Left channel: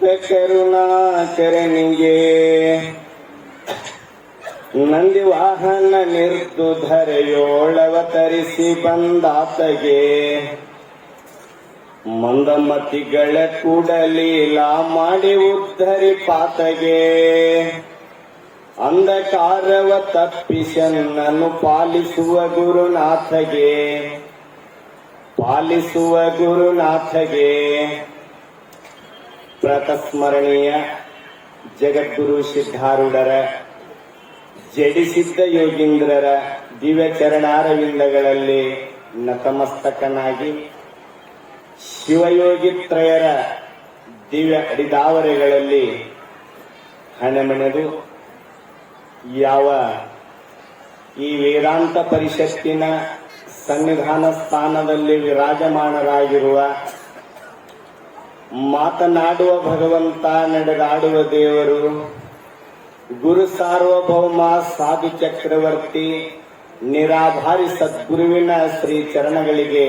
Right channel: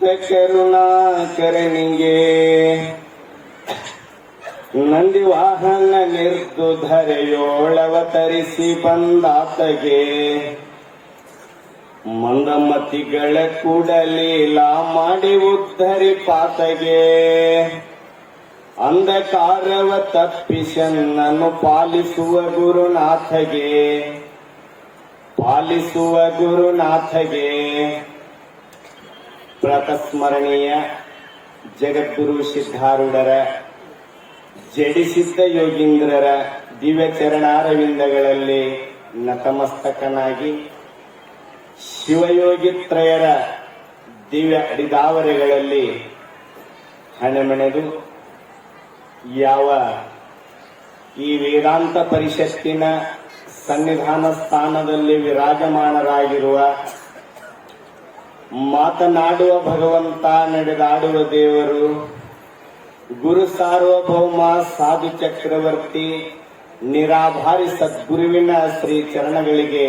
ಕರುಣಾಕರನಿಗೆ ನಂದಿ ವಾಹನ ನಿರ್ದುಧರೆಯೋಳವತರಿಸಿ ಬಂದಾತಗೆ ಮಂದಮತಿಗಳ ಕೂಡಲೀಲಾ ಮಾಡಿ ಉದ್ಧರಿ ಪಾತಗೆ ಅಂಧಕಾರವ ತಪ್ಪಿಸನ್ನನ್ನು ಪಾಲಿಸುವ ಗುರುನಾಥಗೆ ಪ್ರಾತಸ್ಮರಣೀಯ ಜಗದ್ಗುರು ಸಿದ್ಧಾರೂಢರ ಜಡಿಸಿದ್ದ ಯೋಗೀಂದ್ರರ ದಿವ್ಯ ಚರಣಾರವಿಂದಗಳಲ್ಲಿ ನತಮಸ್ತಕನಾಗಿ ಶಿವಯೋಗಿತ್ರಯರ ದಿವ್ಯ ಅಡಿದಾವರೆಗಳಲ್ಲಿ ಹಣಮೆಣೆದು ಯಾವ ಈ ವೇದಾಂತ ಪರಿಷತ್ತಿನ ಸನ್ನಿಧಾನ ಸ್ಥಾನದಲ್ಲಿ ವಿರಾಜಮಾನರಾಗಿರುವ ಮಾತನಾಡುವ ಭಗವಂತ, ನಡೆದಾಡುವ ದೇವರು, ಗುರು ಸಾರ್ವಭೌಮ ಸಾಧು ಚಕ್ರವರ್ತಿ ನಿರಾಧಾರಿ ಸದ್ಗುರುವಿನ ಶ್ರೀ ಚರಣಗಳಿಗೆ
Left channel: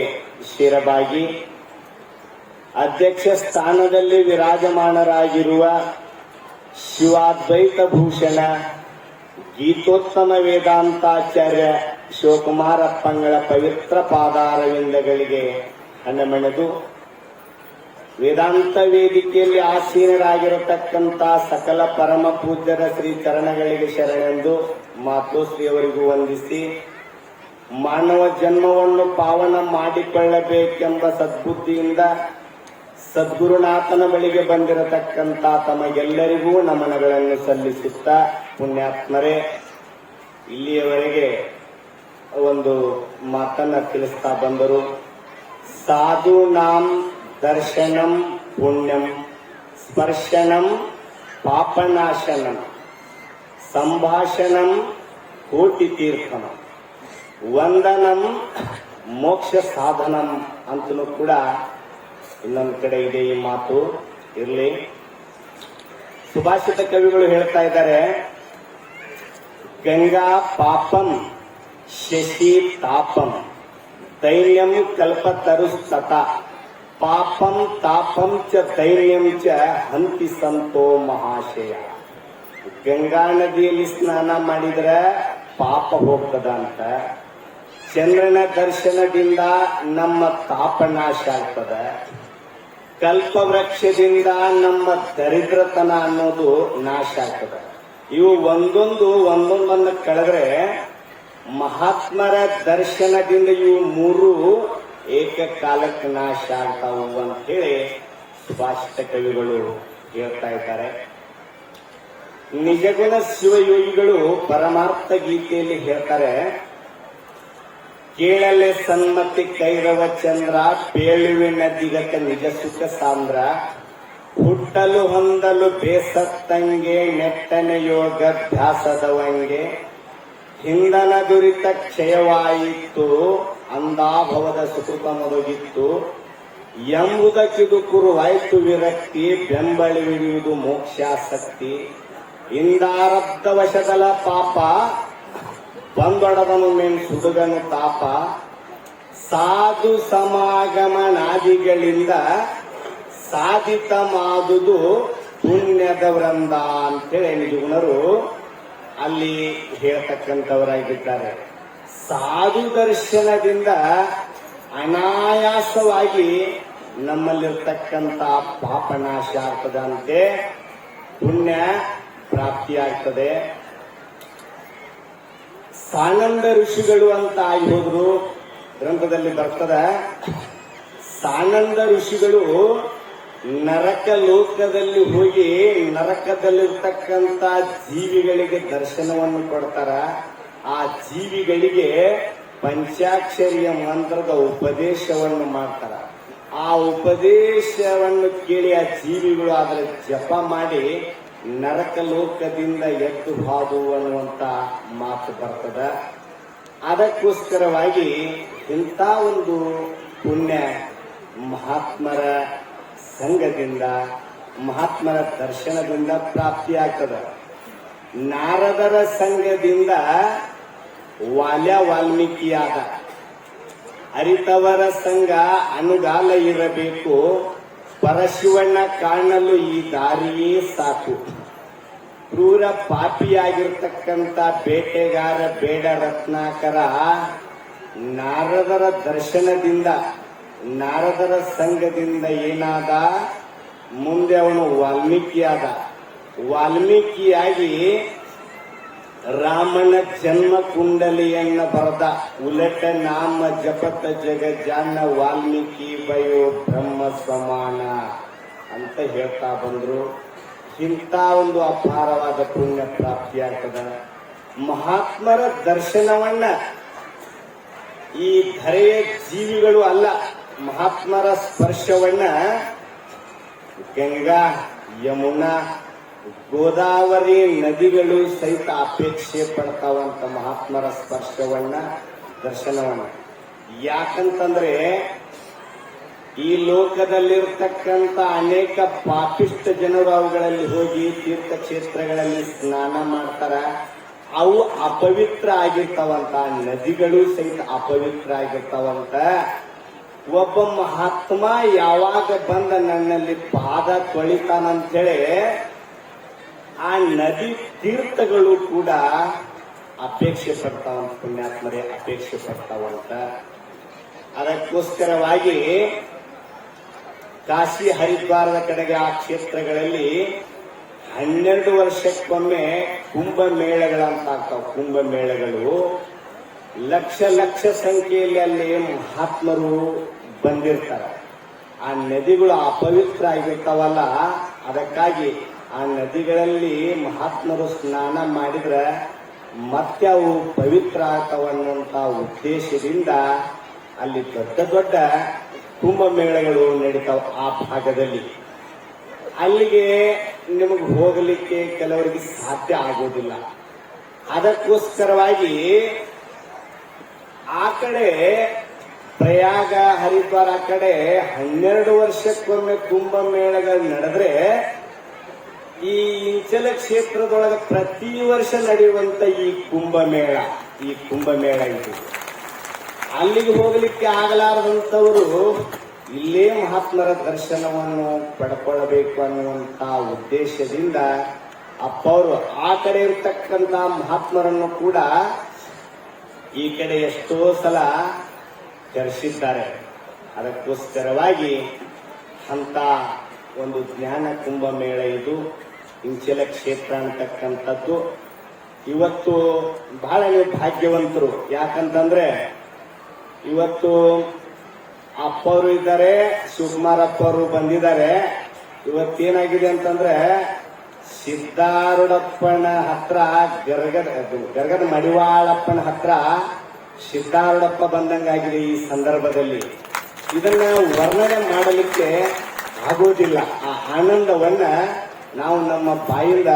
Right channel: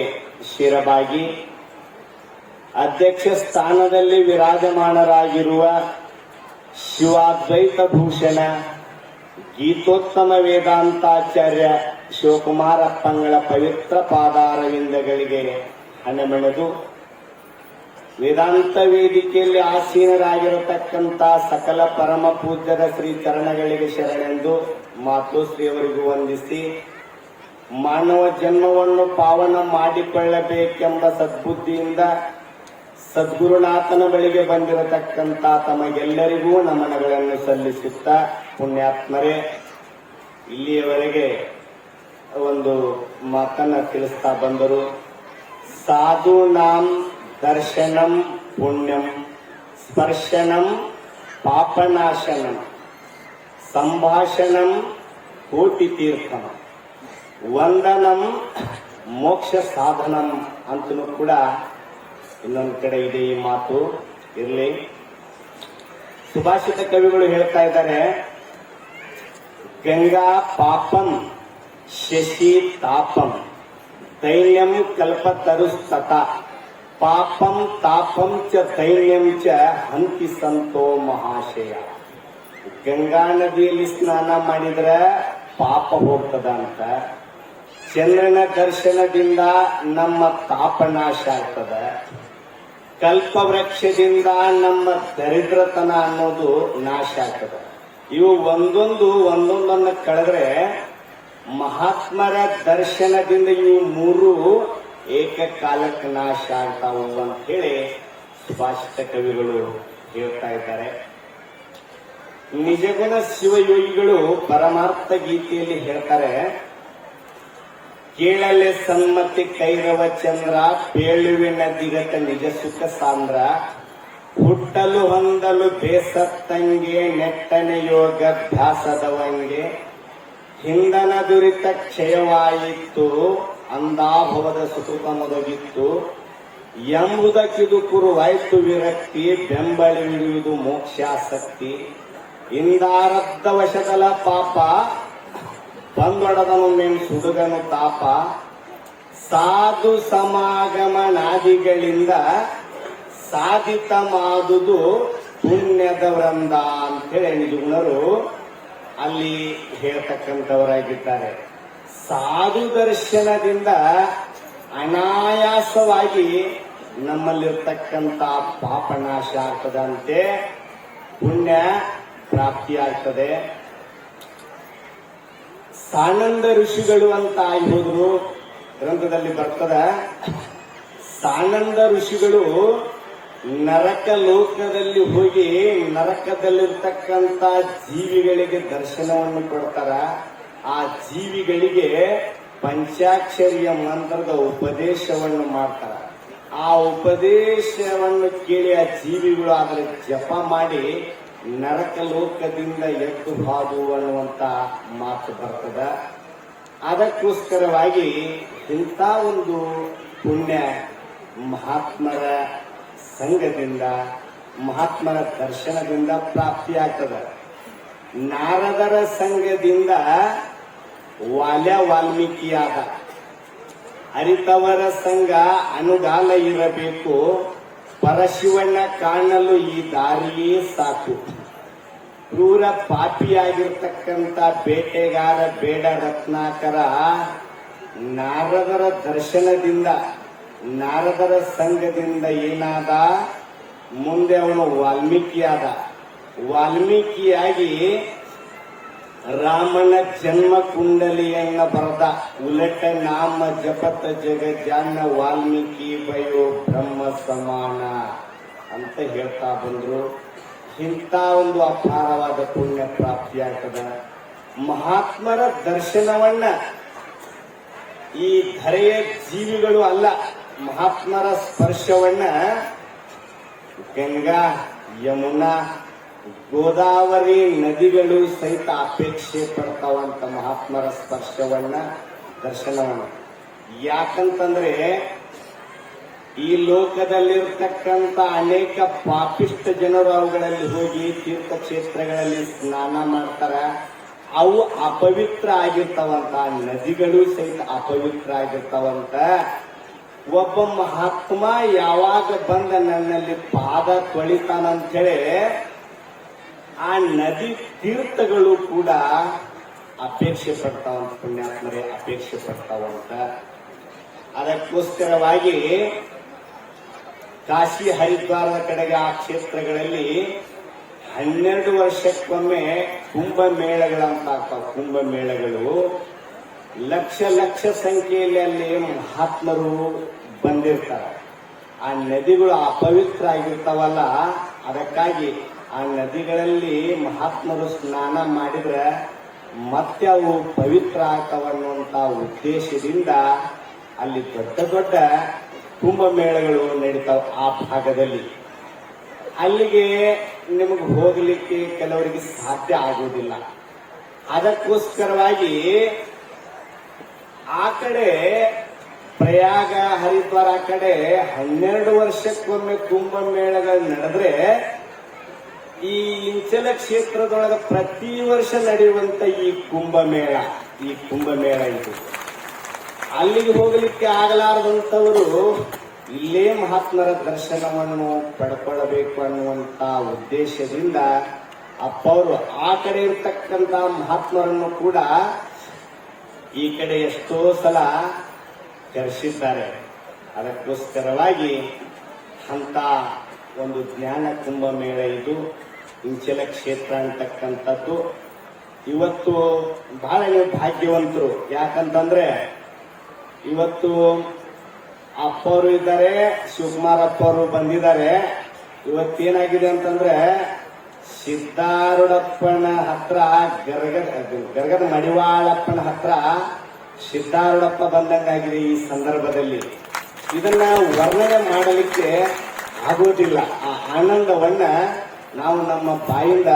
ಶಿರಬಾಗಿ ಅಧ್ಯಕ್ಷ ಸ್ಥಾನದಲ್ಲಿ ವಿರಾಜಮಾನರಾಗಿರುವ ಶಿವಾದ್ವೈತ ಭೂಷಣ ಗೀತೋತ್ತಮ ವೇದಾಂತಾಚಾರ್ಯ ಶಿವಕುಮಾರ ಅಪ್ಪಂಗಳ ಪವಿತ್ರ ಪಾದಾರವಿಂದಗಳಿಗೆ ಹಣಮೆಣೆದು ವೇದಾಂತ ವೇದಿಕೆಯಲ್ಲಿ ಆಸೀನರಾಗಿರತಕ್ಕಂಥ ಸಕಲ ಪರಮ ಪೂಜ್ಯರ ಶ್ರೀ ಚರಣಗಳಿಗೆ ಶರಣೆಂದು ಮಾತೋಶ್ರೀಯವರಿಗೂ ವಂದಿಸಿ, ಮಾನವ ಜನ್ಮವನ್ನು ಪಾವನ ಮಾಡಿಕೊಳ್ಳಬೇಕೆಂಬ ಸದ್ಬುದ್ಧಿಯಿಂದ ಸದ್ಗುರುನಾಥನ ಬಳಿಗೆ ಬಂದಿರತಕ್ಕಂಥ ತಮಗೆಲ್ಲರಿಗೂ ನಮನಗಳನ್ನು ಸಲ್ಲಿಸುತ್ತಾ, ಪುಣ್ಯಾತ್ಮರೇ, ಇಲ್ಲಿಯವರೆಗೆ ಒಂದು ಮಾತನ್ನ ತಿಳಿಸ್ತಾ ಬಂದರು. ಸಾಧೂನಾಂ ದರ್ಶನಂ ಪುಣ್ಯಂ, ಸ್ಪರ್ಶನಂ ಪಾಪನಾಶನಂ, ಸಂಭಾಷಣಂ ಕೋಟಿ ತೀರ್ಥಂ, ವಂದನಂ ಮೋಕ್ಷ ಸಾಧನಂ ಅಂತಲೂ ಕೂಡ ಇನ್ನೊಂದು ಕಡೆ ಇದೆ ಈ ಮಾತು. ಇರಲಿ, ಸುಭಾಷಿತ ಕವಿಗಳು ಹೇಳ್ತಾ ಇದ್ದಾರೆ, ಗಂಗಾ ಪಾಪಂ ಶಶಿ ತಾಪಂ ದೈನ್ಯಂ ಕಲ್ಪತರುಸ್ತತ ಪಾಪಂ ತಾಪಂ ಚ ದೈನ್ಯಂ ಚ ಹಂತಿ ಸಂತೋ ಮಹಾಶಯ. ಗಂಗಾ ನದಿಯಲ್ಲಿ ಸ್ನಾನ ಮಾಡಿದ್ರೆ ಪಾಪ ಹೋಗ್ತದಂತ, ಚಂದ್ರನ ದರ್ಶನದಿಂದ ನಮ್ಮ ತಾಪನಾಶ ಆಗ್ತದ, ಕಲ್ಪವೃಕ್ಷದಿಂದ ನಮ್ಮ ದರಿದ್ರತನ ಅನ್ನೋದು ನಾಶ ಆಗ್ತದೆ. ಇವು ಒಂದೊಂದನ್ನು ಕಳೆದ್ರೆ ಮಹಾತ್ಮರ ದರ್ಶನದಿಂದ ಇವು ಮೂರು ಏಕಕಾಲಕ್ಕೆ ನಾಶ ಆಗ್ತಾವು ಅಂತ ಹೇಳಿ ಸುಭಾಷಿತ ಕವಿಗಳು ಹೇಳ್ತಾ ಇದ್ದಾರೆ. ನಿಜಗುಣ ಶಿವಯೋಗಿಗಳು ಪರಮಾರ್ಥ ಗೀತೆಯಲ್ಲಿ ಹೇಳ್ತಾರೆ, ಕೇಳಲೆ ಸನ್ಮತಿ ಕೈರವ ಚಂದ್ರ, ಪೇಳುವಿನ ದಿಗತ ನಿಜ ಸುಖ ಸಾಂದ್ರ, ಹುಟ್ಟಲು ಹೊಂದಲು ಬೇಸತ್ತಂಗೆ ನೆಟ್ಟನೆ ಯೋಗಾಭ್ಯಾಸದವಂಗೆ, ಹಿಂದನ ದುರಿತ ಕ್ಷಯವಾಯಿತು ಅಂದಾಭವದ ಸುಕೃತ ಮುಗಿತ್ತು, ಎಂಬುದಕ್ಕಿದು ಕುರುವಾಯ್ತು ವಿರಕ್ತಿ, ಬೆಂಬಳಿಯುವುದು ಮೋಕ್ಷಾಸಕ್ತಿ, ಇಂದಾರಬ್ಧ ವಶದಲ ಪಾಪ ಬಂದೊಡದನು ಮೇಲ್ ಸುಡುಗನು ತಾಪ, ಸಾಧು ಸಮಾಗಮನಾದಿಗಳಿಂದ ಸಾಧಿತ ಮಾದುದು ಪುಣ್ಯದ ವೃಂದ ಅಂತೇಳಿ ನಿಜಗುಣರು ಅಲ್ಲಿ ಹೇಳ್ತಕ್ಕಂಥವರಾಗಿದ್ದಾರೆ. ಸಾಧು ದರ್ಶನದಿಂದ ಅನಾಯಾಸವಾಗಿ ನಮ್ಮಲ್ಲಿರ್ತಕ್ಕಂಥ ಪಾಪನಾಶ ಆಗ್ತದಂತೆ, ಪುಣ್ಯ ಪ್ರಾಪ್ತಿಯಾಗ್ತದೆ. ಸಾನಂದ ಋಷಿಗಳು ಅಂತ ಆಗಿ ಹೋದ್ರು, ಗ್ರಂಥದಲ್ಲಿ ಬರ್ತದೆ. ಸಾನಂದ ಋಷಿಗಳು ನರಕ ಲೋಕದಲ್ಲಿ ಹೋಗಿ ನರಕದಲ್ಲಿರ್ತಕ್ಕಂಥ ಜೀವಿಗಳಿಗೆ ದರ್ಶನವನ್ನು ಕೊಡ್ತಾರ. ಆ ಜೀವಿಗಳಿಗೆ ಪಂಚಾಕ್ಷರಿಯ ಮಂತ್ರದ ಉಪದೇಶವನ್ನು ಮಾಡ್ತಾರ. ಆ ಉಪದೇಶವನ್ನು ಕೇಳಿ ಆ ಜೀವಿಗಳು ಅದರ ಜಪ ಮಾಡಿ ನರಕ ಲೋಕದಿಂದ ಎದ್ದು ಹಾದು ಅನ್ನುವಂತ ಮಾತು ಬರ್ತದ. ಅದಕ್ಕೋಸ್ಕರವಾಗಿ ಇಂಥ ಒಂದು ಪುಣ್ಯ ಮಹಾತ್ಮರ ಸಂಘದಿಂದ, ಮಹಾತ್ಮರ ದರ್ಶನದಿಂದ ಪ್ರಾಪ್ತಿಯಾಗ್ತದೆ. ನಾರದರ ಸಂಘದಿಂದ ವಾಲ್ಮೀಕಿಯಾದ, ಅರಿತವರ ಸಂಘ ಅನುಗಾಲ ಇರಬೇಕು, ಪರಶಿವಣ್ಣ ಕಾಣಲು ಈ ದಾರಿಯೇ ಸಾಕು. ಕ್ರೂರ ಪಾಪಿಯಾಗಿರ್ತಕ್ಕಂಥ ಬೇಟೆಗಾರ ಬೇಡ ರತ್ನಾಕರ ನಾರದರ ದರ್ಶನದಿಂದ, ನಾರದರ ಸಂಘದಿಂದ ಏನಾದ, ಮುಂದೆ ಅವನು ವಾಲ್ಮೀಕಿಯಾದ. ವಾಲ್ಮೀಕಿಯಾಗಿ ರಾಮನ ಜನ್ಮ ಕುಂಡಲಿಯನ್ನ ಬರೆದ. ಉಲಟ ನಾಮ ಜಪತ ಜಗಜ್ಜಾನ ವಾಲ್ಮೀಕಿ ಬಯೋ ಬ್ರಹ್ಮ ಸಮಾನ ಅಂತ ಹೇಳ್ತಾ ಬಂದ್ರು. ಇಂಥ ಒಂದು ಅಪಾರವಾದ ಪುಣ್ಯ ಪ್ರಾಪ್ತಿಯಾಗ್ತದ. ಮಹಾತ್ಮರ ದರ್ಶನವನ್ನ ಈ ಧರೆಯ ಜೀವಿಗಳು ಅಲ್ಲ, ಮಹಾತ್ಮರ ಸ್ಪರ್ಶವನ್ನ ಗಂಗಾ, ಯಮುನಾ, ಗೋದಾವರಿ ನದಿಗಳು ಸಹಿತ ಅಪೇಕ್ಷೆ ಪಡ್ತಾವಂತ ಮಹಾತ್ಮರ ಸ್ಪರ್ಶವನ್ನ, ದರ್ಶನವನ್ನ. ಯಾಕಂತಂದ್ರೆ ಈ ಲೋಕದಲ್ಲಿರ್ತಕ್ಕಂಥ ಅನೇಕ ಪಾಪಿಷ್ಟ ಜನರು ಅವುಗಳಲ್ಲಿ ಹೋಗಿ ತೀರ್ಥಕ್ಷೇತ್ರಗಳಲ್ಲಿ ಸ್ನಾನ ಮಾಡ್ತಾರ. ಅವು ಅಪವಿತ್ರ ಆಗಿರ್ತಾವಂತ, ನದಿಗಳು ಸಹಿತ ಅಪವಿತ್ರ ಆಗಿರ್ತಾವಂತ. ಒಬ್ಬ ಮಹಾತ್ಮ ಯಾವಾಗ ಬಂದ ನನ್ನಲ್ಲಿ ಪಾದ ತೊಳಿತಾನಂತೇಳಿ ಆ ನದಿ ತೀರ್ಥಗಳು ಕೂಡ ಅಪೇಕ್ಷೆ ಪಡ್ತಾವಂತ, ಪುಣ್ಯಾತ್ಮರೇ ಅಪೇಕ್ಷೆ ಪಡ್ತಾವಂತ. ಅದಕ್ಕೋಸ್ಕರವಾಗಿ ಕಾಶಿ ಹರಿದ್ವಾರದ ಕಡೆಗೆ ಆ ಕ್ಷೇತ್ರಗಳಲ್ಲಿ 12 ವರ್ಷಕ್ಕೊಮ್ಮೆ ಕುಂಭಮೇಳಗಳಂತ ಆಗ್ತಾವ. ಕುಂಭಮೇಳಗಳು ಲಕ್ಷ ಲಕ್ಷ ಸಂಖ್ಯೆಯಲ್ಲಿ ಅಲ್ಲಿ ಮಹಾತ್ಮರು ಬಂದಿರ್ತಾರೆ. ಆ ನದಿಗಳು ಅಪವಿತ್ರ ಆಗಿರ್ತಾವಲ್ಲ, ಅದಕ್ಕಾಗಿ ಆ ನದಿಗಳಲ್ಲಿ ಮಹಾತ್ಮರು ಸ್ನಾನ ಮಾಡಿದ್ರೆ ಮತ್ತೆ ಅವು ಪವಿತ್ರ ಆಗ್ತಾವನ್ನುವಂತ ಉದ್ದೇಶದಿಂದ ಅಲ್ಲಿ ದೊಡ್ಡ ದೊಡ್ಡ ಕುಂಭಮೇಳಗಳು ನಡೀತಾವ ಆ ಭಾಗದಲ್ಲಿ. ಅಲ್ಲಿಗೆ ನಿಮಗೆ ಹೋಗಲಿಕ್ಕೆ ಕೆಲವರಿಗೆ ಸಾಧ್ಯ ಆಗೋದಿಲ್ಲ. ಅದಕ್ಕೋಸ್ಕರವಾಗಿ ಆ ಕಡೆ ಪ್ರಯಾಗ, ಹರಿದ್ವಾರ ಆ ಕಡೆ 12 ವರ್ಷಕ್ಕೊಮ್ಮೆ ಕುಂಭಮೇಳಗಳು ನಡೆದ್ರೆ, ಈ ಇಂಚಲ ಕ್ಷೇತ್ರದೊಳಗೆ ಪ್ರತಿ ವರ್ಷ ನಡೆಯುವಂತ ಈ ಕುಂಭಮೇಳ ಇದು ಅಲ್ಲಿಗೆ ಹೋಗಲಿಕ್ಕೆ ಆಗಲಾರದಂತವರು ಇಲ್ಲೇ ಮಹಾತ್ಮರ ದರ್ಶನವನ್ನು ಪಡ್ಕೊಳ್ಳಬೇಕು ಅನ್ನುವಂತ ಉದ್ದೇಶದಿಂದ ಅಪ್ಪವರು ಆ ಕಡೆ ಇರತಕ್ಕಂತ ಮಹಾತ್ಮರನ್ನು ಕೂಡ ಈ ಕಡೆ ಎಷ್ಟೋ ಸಲ ಕರೆಸಿದ್ದಾರೆ. ಅದಕ್ಕೋಸ್ಕರವಾಗಿ ಅಂತ ಒಂದು ಜ್ಞಾನ ಕುಂಭಮೇಳ ಇದು ಇಂಚಲ ಕ್ಷೇತ್ರ ಅಂತಕ್ಕಂಥದ್ದು. ಇವತ್ತು ಬಹಳ ನೀವು ಭಾಗ್ಯವಂತರು. ಯಾಕಂತಂದ್ರೆ ಇವತ್ತು ಅಪ್ಪವರು ಇದ್ದಾರೆ, ಶಿವಕುಮಾರ್ ಅಪ್ಪವರು ಬಂದಿದ್ದಾರೆ. ಇವತ್ತೇನಾಗಿದೆ ಅಂತಂದ್ರೆ ಸಿದ್ದಾರೂಢಪ್ಪನ ಹತ್ರ ಗರಗದ ಮಡಿವಾಳಪ್ಪನ ಹತ್ರ ಸಿದ್ದಾರೂಢಪ್ಪ ಬಂದಂಗಾಗಿದೆ. ಈ ಸಂದರ್ಭದಲ್ಲಿ ಇದನ್ನ ವರ್ಣನೆ ಮಾಡಲಿಕ್ಕೆ ಆಗುವುದಿಲ್ಲ. ಆ ಆನಂದವನ್ನ ನಾವು ನಮ್ಮ ಬಾಯಿಂದ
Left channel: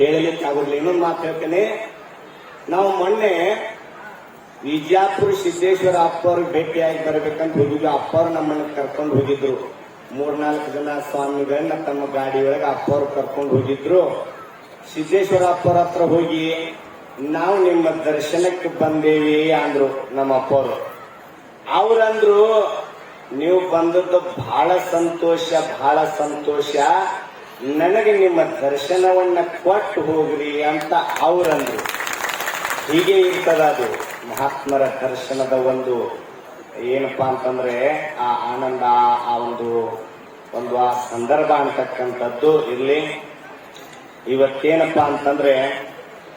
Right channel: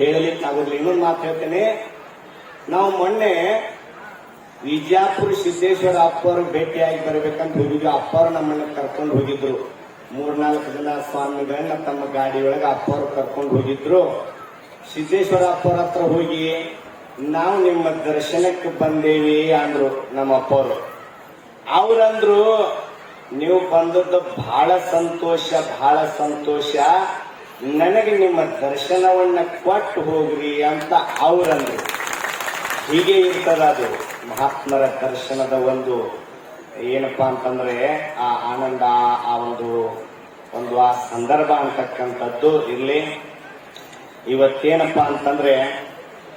ಹೇಳಲಿಕ್ಕೆ ಆಗುದಿಲ್ಲ. ಇನ್ನೊಂದು ಮಾತು ಹೇಳ್ತೇನೆ. ನಾವು ಮೊನ್ನೆ ವಿಜಯಪುರ ಸಿದ್ದೇಶ್ವರ ಅಪ್ಪವ್ರಿಗೆ ಭೇಟಿಯಾಗಿ ಬರ್ಬೇಕಂತ ಹೋಗಿದ್ವಿ. ಅಪ್ಪವ್ರು ನಮ್ಮನ್ನ ಕರ್ಕೊಂಡು ಹೋಗಿದ್ರು. 3-4 ಜನ ಸ್ವಾಮಿಗಳನ್ನ ತಮ್ಮ ಗಾಡಿಯೊಳಗೆ ಅಪ್ಪವ್ರು ಕರ್ಕೊಂಡು ಹೋಗಿದ್ರು. ಸಿದ್ದೇಶ್ವರ ಅಪ್ಪವ್ರ ಹತ್ರ ಹೋಗಿ ನಾವು ನಿಮ್ಮ ದರ್ಶನಕ್ಕೆ ಬಂದೇವಿ ಅಂದ್ರು ನಮ್ಮ ಅಪ್ಪವ್ರು. ಅವ್ರಂದ್ರು, ನೀವು ಬಂದದ್ದು ಬಹಳ ಸಂತೋಷ, ಬಹಳ ಸಂತೋಷ, ನನಗೆ ನಿಮ್ಮ ದರ್ಶನವನ್ನ ಕೊಟ್ಟು ಹೋಗ್ರಿ ಅಂತ ಅವ್ರಂದ್ರು. ಹೀಗೆ ಇರ್ತದ ಅದು ಮಹಾತ್ಮರ ದರ್ಶನದ ಒಂದು ಏನಪ್ಪಾ ಅಂತಂದ್ರೆ ಆ ಆನಂದ, ಆ ಒಂದು ಆ ಸಂದರ್ಭ ಅಂತಕ್ಕಂಥದ್ದು ಇರ್ಲಿ. ಇವತ್ತೇನಪ್ಪಾ ಅಂತಂದ್ರೆ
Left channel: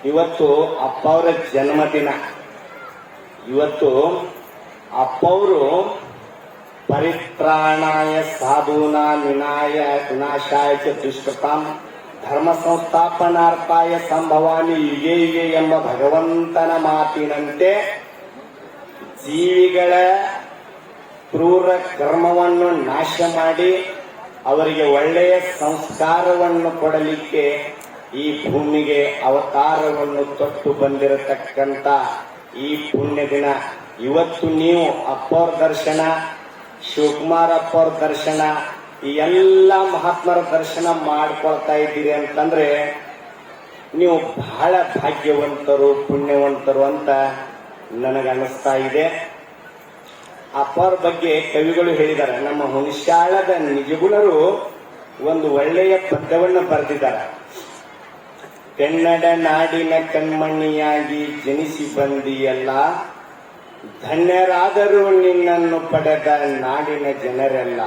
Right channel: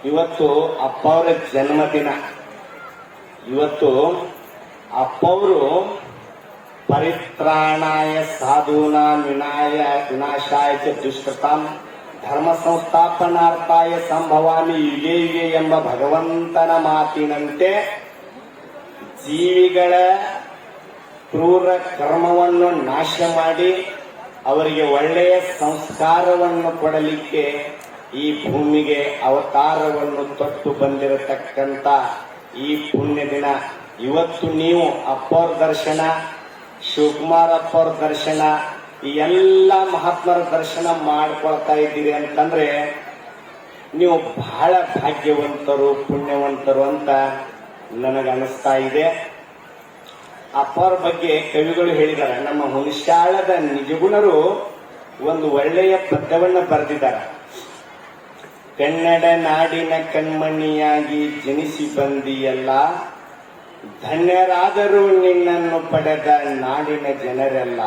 ಇವತ್ತು ಅಪ್ಪವರ ಜನ್ಮದಿನ. ಇವತ್ತು ಅಪ್ಪವರು ಪರಿತ್ರಾಣಾಯ ಸಾಧೂನಾ ವಿನಾಶಾಯ ದುಷ್ಟತಾಂ ಧರ್ಮ ಸಂಸ್ಥಾಪನಾರ್ಥಾಯ ಸಂಭವಾನಿ ಯುಗೆ ಯುಗೆ ಎಂಬ ಭಗವಂತನ ಮಾತಿನಂತೆ ಜೀವಿಗಳ ಕ್ರೂರ ಕರ್ಮವನ್ನು ನಾಶ ಮಾಡಿ ಅವರಿಗೆ ಒಳ್ಳೆಯ ಸಂಸ್ಕಾರವನ್ನು ಕೊಡಲಿಕ್ಕೆ ಈ ಭೂಮಿಗೆ ಅವತಾರವನ್ನು ತೊಟ್ಟು ಬಂದಿರತಕ್ಕಂತ ಈ ಪುಣ್ಯ ದಿನ. ಇವತ್ತು ನೀವು ಅಪ್ಪವ್ರ ದರ್ಶನ, ಶಿವಕುಮಾರ್ ಅಪ್ಪವ್ರ ದರ್ಶನ, ಈ ಎಲ್ಲ ಮಹಾತ್ಮರ ದರ್ಶನ ಮಾಡ್ಕೊಳ್ತಾ ಇದ್ದೀರಿ ಅಂತಂದ್ರೆ ನೀವು ಬಹಳ ಭಾಗ್ಯವಂತರು, ಪುಣ್ಯವಂತರು ಅಂತ ನನಗೆ ಅನಿಸ್ತಾ ಇದೆ. ಅಪ್ಪರ ಬಗ್ಗೆ ಕವಿಗಳು ಹೇಳಿದ್ದಾರೆ. ನಮ್ಮ ಹುಣಸಾಳದ ನಿಜಗುಣರು ಒಂದು ಒಳ್ಳೆಯ ಪದ್ಯವನ್ನು ಬರೆದಿದ್ದಾರೆ. ಕನ್ನಡ ನಾಡಿನ ಕಣ್ಮಣಿಯಾಗಿ ಜನಿಸಿ ಬಂದಿಯಲ್ಲ, ಧನ್ಯರಾದರೂ ನಿನ್ನನ್ನು ಪಡೆದ ನಾಡಿನ ಜನರೆಲ್ಲ.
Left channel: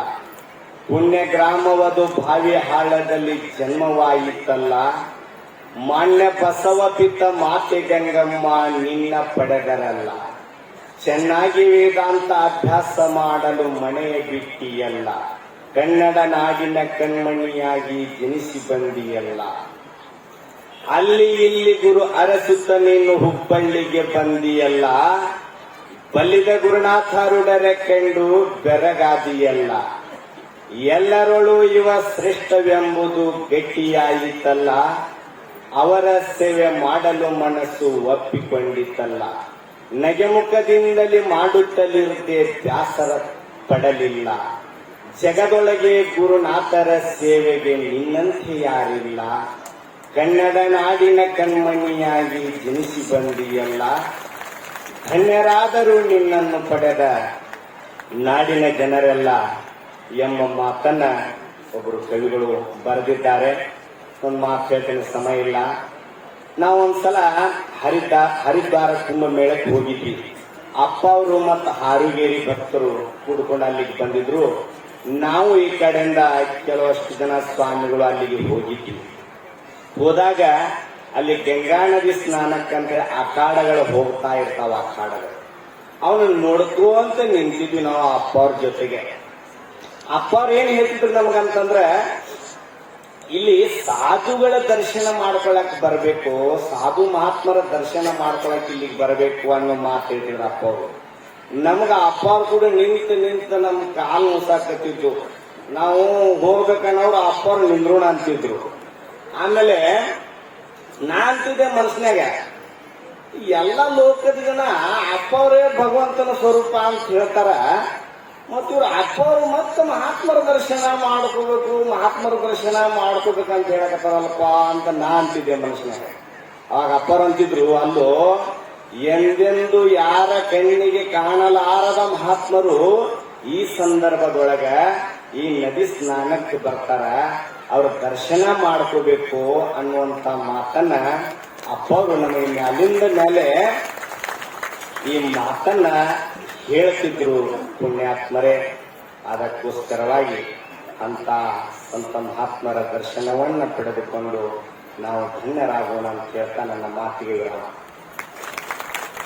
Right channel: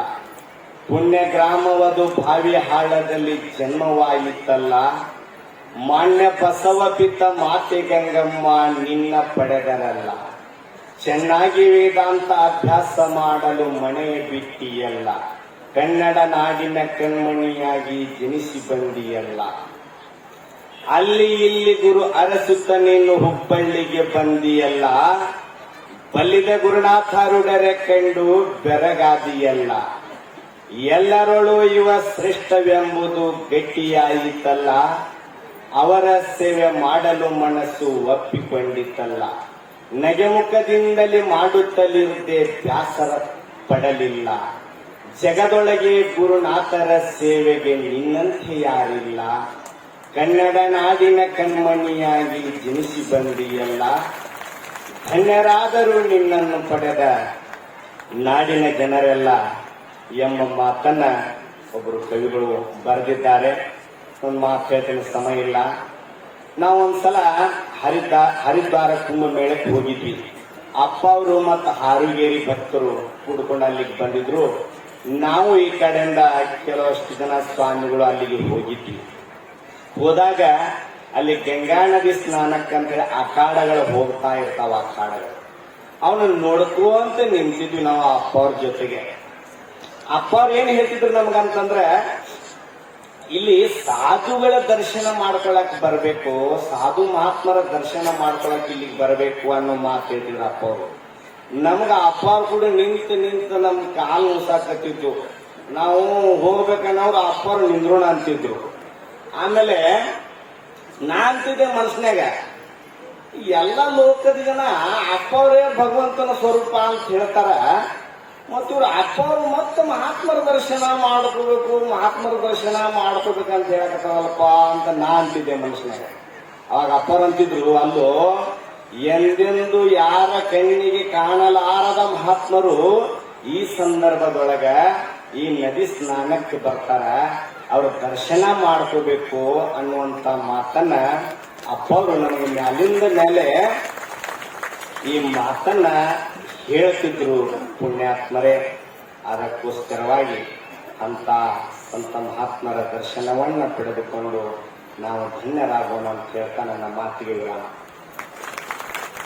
ಪುಣ್ಯ ಗ್ರಾಮವದು ಬಾವಿ ಹಾಳದಲ್ಲಿ ಜನ್ಮವಾಯಿತಲ್ಲ, ಮಾನ್ಯ ಬಸವ ಪಿತ ಮಾತೆ ಗಂಗಮ್ಮ ನಿನ್ನ ಪಡೆದರಲ್ಲ. ಚೆನ್ನಾಗಿ ವೇದಾಂತ ಅಭ್ಯಾಸ ಮಾಡಲು ಮನೆಯ ಬಿಟ್ಟಿಯಲ್ಲ, ಕನ್ನಡ ನಾಡಿನ ಕಣ್ಮಣಿಯಾಗಿ ಜನಿಸಿ ಬಂದಿಯಲ್ಲ. ಅಲ್ಲಿ ಇಲ್ಲಿ ಗುರು ಅರಸುತ್ತ ನೀನು ಹುಬ್ಬಳ್ಳಿಗೆ ಬಂದಿಯಲ್ಲ, ಬಲ್ಲಿದ ಗುರುನಾಥರುಡರೆ ಕಂಡು ಬೆರಗಾದಿಯಲ್ಲ. ಎಲ್ಲರೊಳು ಇವ ಶ್ರೇಷ್ಠವೆಂಬುದು ಗಟ್ಟಿಯಾಯಿತಲ್ಲ, ಅವರ ಸೇವೆ ಮಾಡಲು ಮನಸ್ಸು ಒಪ್ಪಿಕೊಂಡಿತಲ್ಲ. ನಗೆಮುಖದಿಂದಲೇ ಮಾಡುತ್ತಲಿರುವುದೇ ಬ್ಯಾಸರ ಪಡಲಿಲ್ಲ, ಜಗದೊಳಗೆ ಗುರುನಾಥರ ಸೇವೆಗೆ ನಿನ್ನಂತೆ ಯಾರಿಲ್ಲ. ಕನ್ನಡ ನಾಡಿನ ಕಣ್ಮಣಿಯಾಗಿ ಜನಿಸಿ ಬಂದಿಯಲ್ಲ, ಧನ್ಯರಾದರೂ ನಿನ್ನನ್ನು ಪಡೆದ ನಾಡಿನ ಜನರೆಲ್ಲ ಎಂಬ ಮಾತನ್ನ ಒಬ್ಬರು ಕವಿಗಳು ಬರೆದಿದ್ದಾರೆ. ಒಂದು ಮಾತು ಹೇಳ್ತೀನಿ, ಸಮಯ ಇಲ್ಲ. ನಾವು ಒಂದ್ಸಲ ಹರಿದ್ವಾರ ಕುಂಭಮೇಳಕ್ಕೆ ಹೋಗಿದ್ವಿ. ಅಪ್ಪ ಅವರು ಮತ್ತು ಹಾರುಗೇರಿ ಭಕ್ತರು ಕೂಡ್ಕೊಂಡು ಅಲ್ಲಿಗೆ ಬಂದಿದ್ರು. ನಾವು ಈ ಕಡೆಯಿಂದ ಕೆಲವಷ್ಟು ಜನ ಸ್ವಾಮಿಗಳು ಅಲ್ಲಿಗೆ ಹೋಗಿದ್ವಿ. ಹೋದಾಗ ಅಲ್ಲಿ ಗಂಗಾ ನದಿ ಸ್ನಾನಕ್ಕಂದ್ರೆ ಅಖಾಡಗಳು ಹೋಗ್ತಾ ಇರ್ತಾವ. ಅಖಾಡಗಳು ಅವನು ನೋಡ್ಕೋಂತ ನಿಂತಿದ್ವಿ ನಾವು ಅಪ್ಪ ಅವ್ರ ಜೊತೆಗೆ. ಅಪ್ಪ ಅವ್ರು ಏನ್ ಹೇಳ್ತಿದ್ರು ನಮಗಂತಂದ್ರೆ, ಇಲ್ಲಿ ಸಾಧುಗಳ ದರ್ಶನ ಮಾಡ್ಕೊಳಕ್ ಬರಬೇಕು, ಸಾಧು ಮಹಾತ್ಮರ ದರ್ಶನ ಮಾಡ್ಕೊಳಕ್ ಇಲ್ಲಿಗೆ ಬರಬೇಕು ಅನ್ನೋ ಮಾತು ಹೇಳ್ತಿದ್ರು ಅಪ್ಪ ಅವರು. ನಮ್ಗ ಅಪ್ಪ ಅವ್ರು ಕೂಡ ನಿಂತು ನಮ್ ಕಾಲು ಉಸಾಕತ್ತಿದ್ರು. ನಾವು ಹೋಗ್ಬೇಕನ್ನೋರು ಅಪ್ಪ ಅವ್ರು ನಿಂದ್ರೋಣ ಅಂತಿದ್ರು. ಆಮೇಲೆ ನಾ ಅಂತಿದ್ದೆ ಮನಸ್ಸಿನಾಗ, ಎಲ್ಲ ಲೋಕದ ಜನ ಅಪ್ಪ ಅವರೇ ಭಗವಂತನ ಸ್ವರೂಪ ಅಂತ ಹೇಳ್ತಾರ, ಮತ್ತು ಇವ್ರು ಅಪ್ಪ ಅವರು ಮತ್ತೆ ಮಹಾತ್ಮರ ದರ್ಶನ ಮಾಡ್ಕೋಬೇಕಂತ ಹೇಳಕತ್ತವಲ್ಪ ಅಂತ ನಾ ಅಂತಿದ್ದೆ ಮನಸ್ಸಿನಾಗ. ಅವಾಗ ಅಪ್ಪರು ಅಂತಿದ್ರು, ಅಲ್ಲೋ ಎಂದೆಂದು ಯಾರ ಕಣ್ಣಿಗೆ ಕಾಣಲಾರದ ಮಹಾತ್ಮರು ಈ ಸಂದರ್ಭದೊಳಗ ಈ ನದಿ ಸ್ನಾನಕ್ಕೆ ಬರ್ತಾರ, ಅವ್ರ ದರ್ಶನ ಮಾಡ್ಕೋಬೇಕು ಅನ್ನುವಂತ ಮಾತನ್ನ ಅಪ್ಪ ಅವರು ನನಗೆ ಅಲ್ಲಿಂದ ಮೇಲೆ ಈ ಮಾತನ್ನ ಹೇಳ್ತಿದ್ರು ಪುಣ್ಯಾತ್ಮರೇ. ಅದಕ್ಕೋಸ್ಕರವಾಗಿ ಅಂತ ಮಹಾತ್ಮರ ದರ್ಶನವನ್ನ ಪಡೆದುಕೊಂಡು ನಾವು ಧನ್ಯರಾಗೋಣ ಅಂತ ಹೇಳ್ತಾ ನನ್ನ ಮಾತಿಗೆ